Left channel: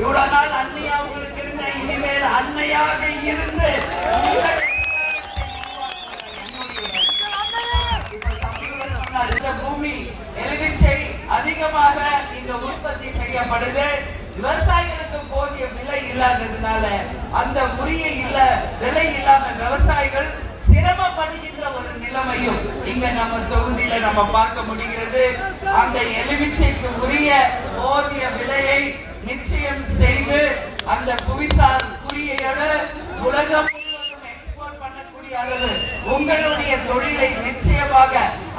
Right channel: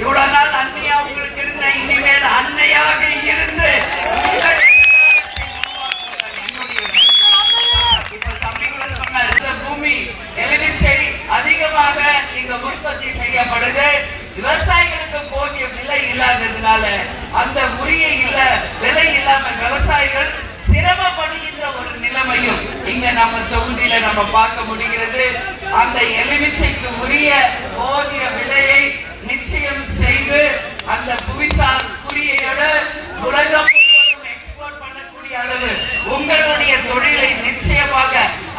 இவ்வளவு நாள் அன்னையா உங்களுக்கு இருந்த இனிமேல் அன்னையாக இருந்து பூமி எலுமிச்சை அதிகமாக இங்க உற்பத்தி செய்யப்படுது. விவசாயிகளுக்கு போதிய விலை இல்லாததுனால அந்த உரிய இல்ல விலை இல்லாம விவசாயிகள் சிரமப்படுகின்ற ஒரு நிலைமையும் இங்க நம்ம தொகுதியில நம்ம பார்க்க முடிகிறது. அந்த எலுமிச்சைக்கு உரிய போதிய விலையை நிச்சயம் செய்து அந்த புவிசார் குறியோடு உலகம் முழுவதும் எக்ஸ்போர்ட் பண்ணக்கூடிய அளவு உங்களுடைய தொழிலை நிச்சயமாக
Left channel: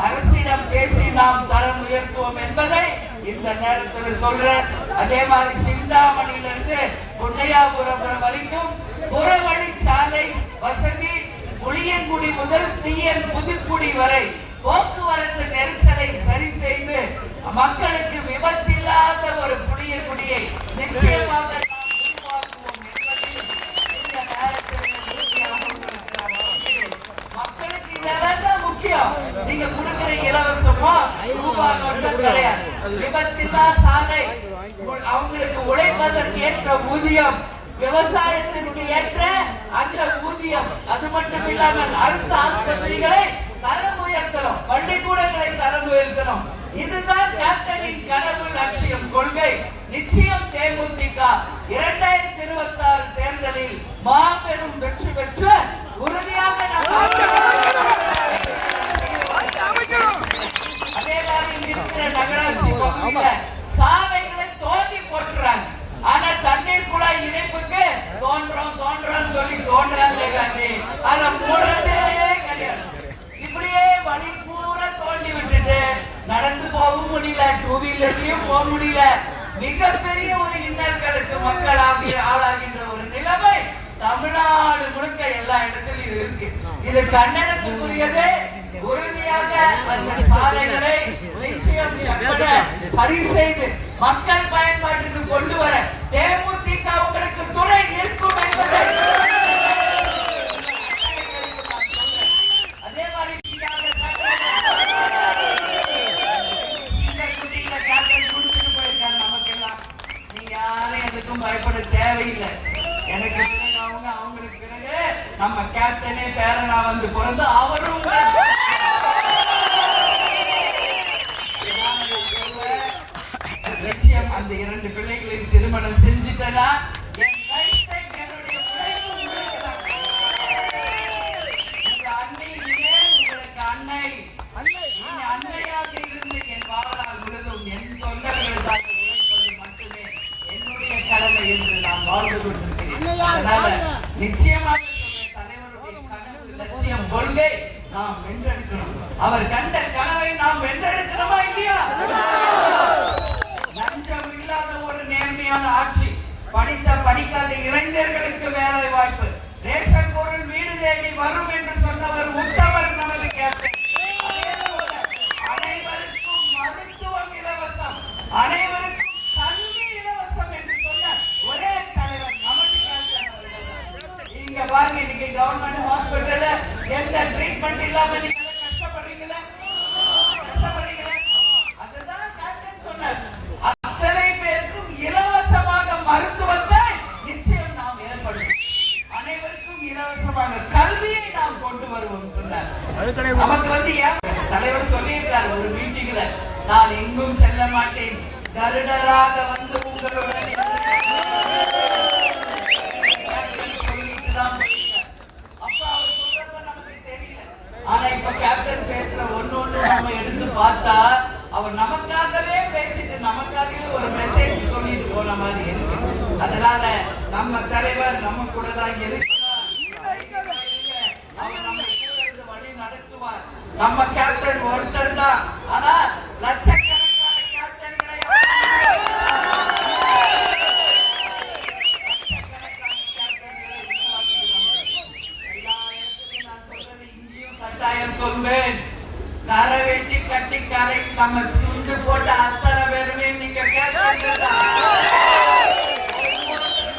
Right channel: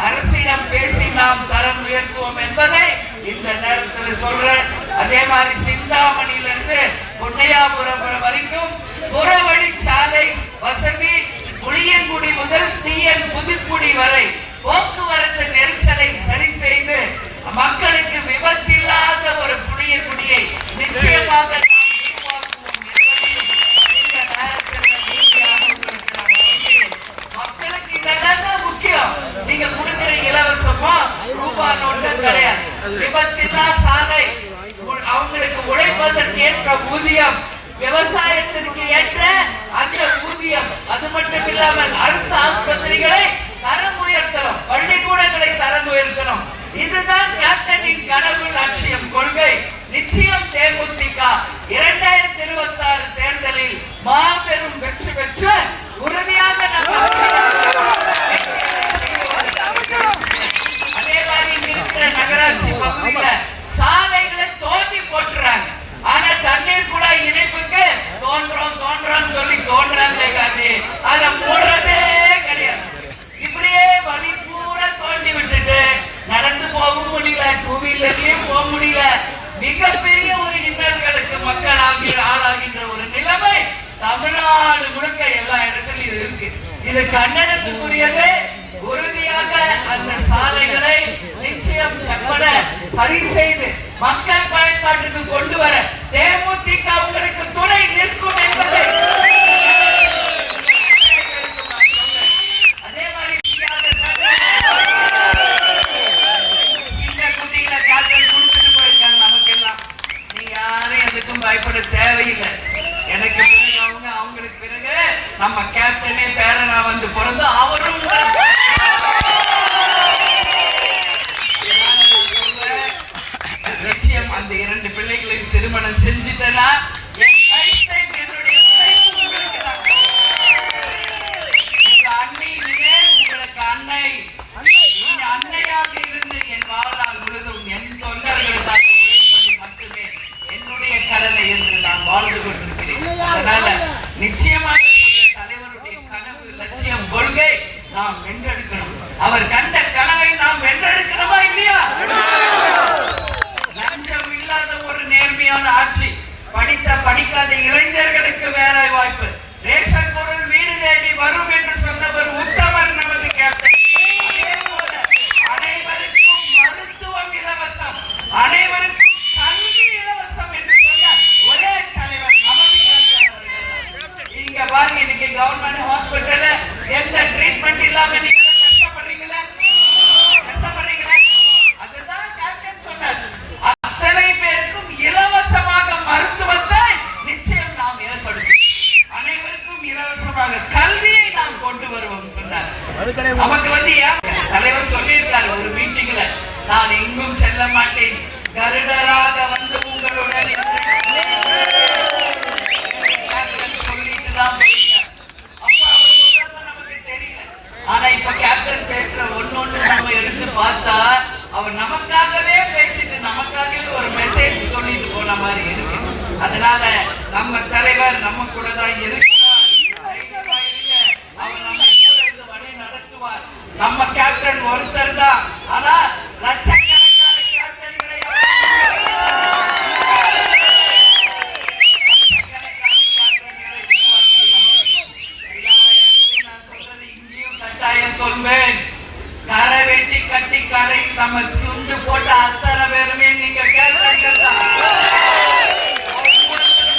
அரசிடம் பேசி நாம் தரம் உயர்த்துவோம் என்பதை இந்த நேரத்தில் சொல்றேன் அதே மாதிரி சிந்தாமணியிலிருந்து பொன்னையாபுரம் வரைக்கும் புறவழி சாலை வசதி புளியங்குடி முதல் தீயன் புதுக்குடி வரை போக்குவரத்து நெரிசலை சரி செய்து மக்களுக்கு விபத்தில்லாத ஒரு புளியங்குடியை நிச்சயமாக நாம் உருவாக்குவோம் என்பதையும் இந்த நேரத்தில் உறுதியாக உங்களுக்கு நான் சொல்கிறேன். மக்களுக்கு இதெல்லாம் தான் முக்கியம் நீங்க கொடுக்கிற இலவசமோ ரூபாய் நோட்டு கிடையாது விபத்தில்லா சாலை. அவங்களுக்கு உழைப்பதற்கு ஏற்ற ஊதியம் விவசாயத்திற்கு ஏற்ற அந்த ஊதியம். அது மட்டும் இல்லாமல் அரசு ஆஸ்பத்திரிகளை தரம் உயர்த்தணும். பள்ளிக்கூடங்களை தரம் உயர்த்தணும். இதுதான் கேப்டனின் கனவு லட்சியம் கொள்கை. நிச்சயம் தேமுதிக இரண்டாயிரத்தி இருபத்தி ஆறு தேர்தலில் மாபெரும் வெற்றி பெற்ற உறுதியாக நம்ம அதே மாதிரி இங்க இருக்கிற நகராட்சி பகுதியில சாலைகளை தோண்டி போட்டுறாங்க ஆனா தண்ணீர் குழாய் இணைப்புக்கு தோன்றோம் தோன்றோம் சொல்லி தோன்றாங்களே காட்டி அத மூடுறதே கிடையாது. இப்படியே வழி பூரா தோண்டி விட்டுட்டு நடந்து போகவும் முடியல டூ வீலர்லயும் போக முடியல. மிகப்பெரிய ஒரு இன்னல்களுக்கு மக்கள் ஆகி ஆளாகின்ற ஒரு நிலைமை தமிழ்நாடு முழுக்க எல்லா இடத்துலயும் இருக்கு. இது கண்டனத்துக்குரியது. உறுதியாக அந்த சாலைகளை நிச்சயம் செப்பட சரி செய்து மக்கள் பயன்பாட்டுக்கு கொண்டு வர தேமுதி பயப்பட தேவையில்லை. எனக்கு பிறகு அவங்க அவங்களுக்கு பிறகு நம்ம கேப்டனே பேரனா வந்து பிறந்து அவரும் அதனால நிச்சயமாக தலைவருடைய கனவு லட்சியம் கொள்கை நாம் வென்றெடுக்கணும். அவர் கண்ட கனவை நாம் வென்றெடுக்கணுமா இல்லையா? லஞ்சம் இல்லாத ஒரு நேர்மையான ஆட்சி. படித்த படிக்காத இளைஞர்களுக்கு வருவோம் சொன்னார் நமக்கு வந்து தலைவர் சொல்லியிருக்காரு ஒரு மீட்டிங்ல நான் எங்கும் செல்ல மாட்டேன். கருடராக வந்து உங்களுடன் சொல்லிட்டு தான் நமக்கு தெரியல. ஆனா இப்ப கேப்டன் பேசுற ஒண்ணு ஒண்ணு நம்ம எடுத்து பார்த்தா அவர் நமக்காகவே பேசிட்டு நமக்காகவே ஒரு மெசேஜ் சொல்லிட்டு போன மாதிரி இருக்கு. அதனால நம்ம தலைவர் நம்ம கூட தான் இருக்கிறார் கட்டி கட்டி கரை நம்ம துண்டு போட்டு அத்தனை பேருமே நீங்க கேப்டன்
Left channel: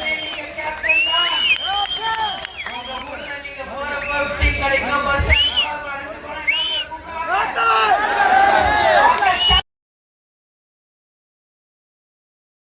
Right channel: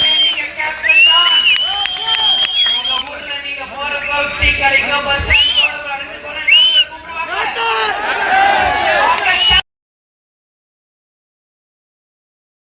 நீங்க கேப்டன் தான் உங்க ஊர்ல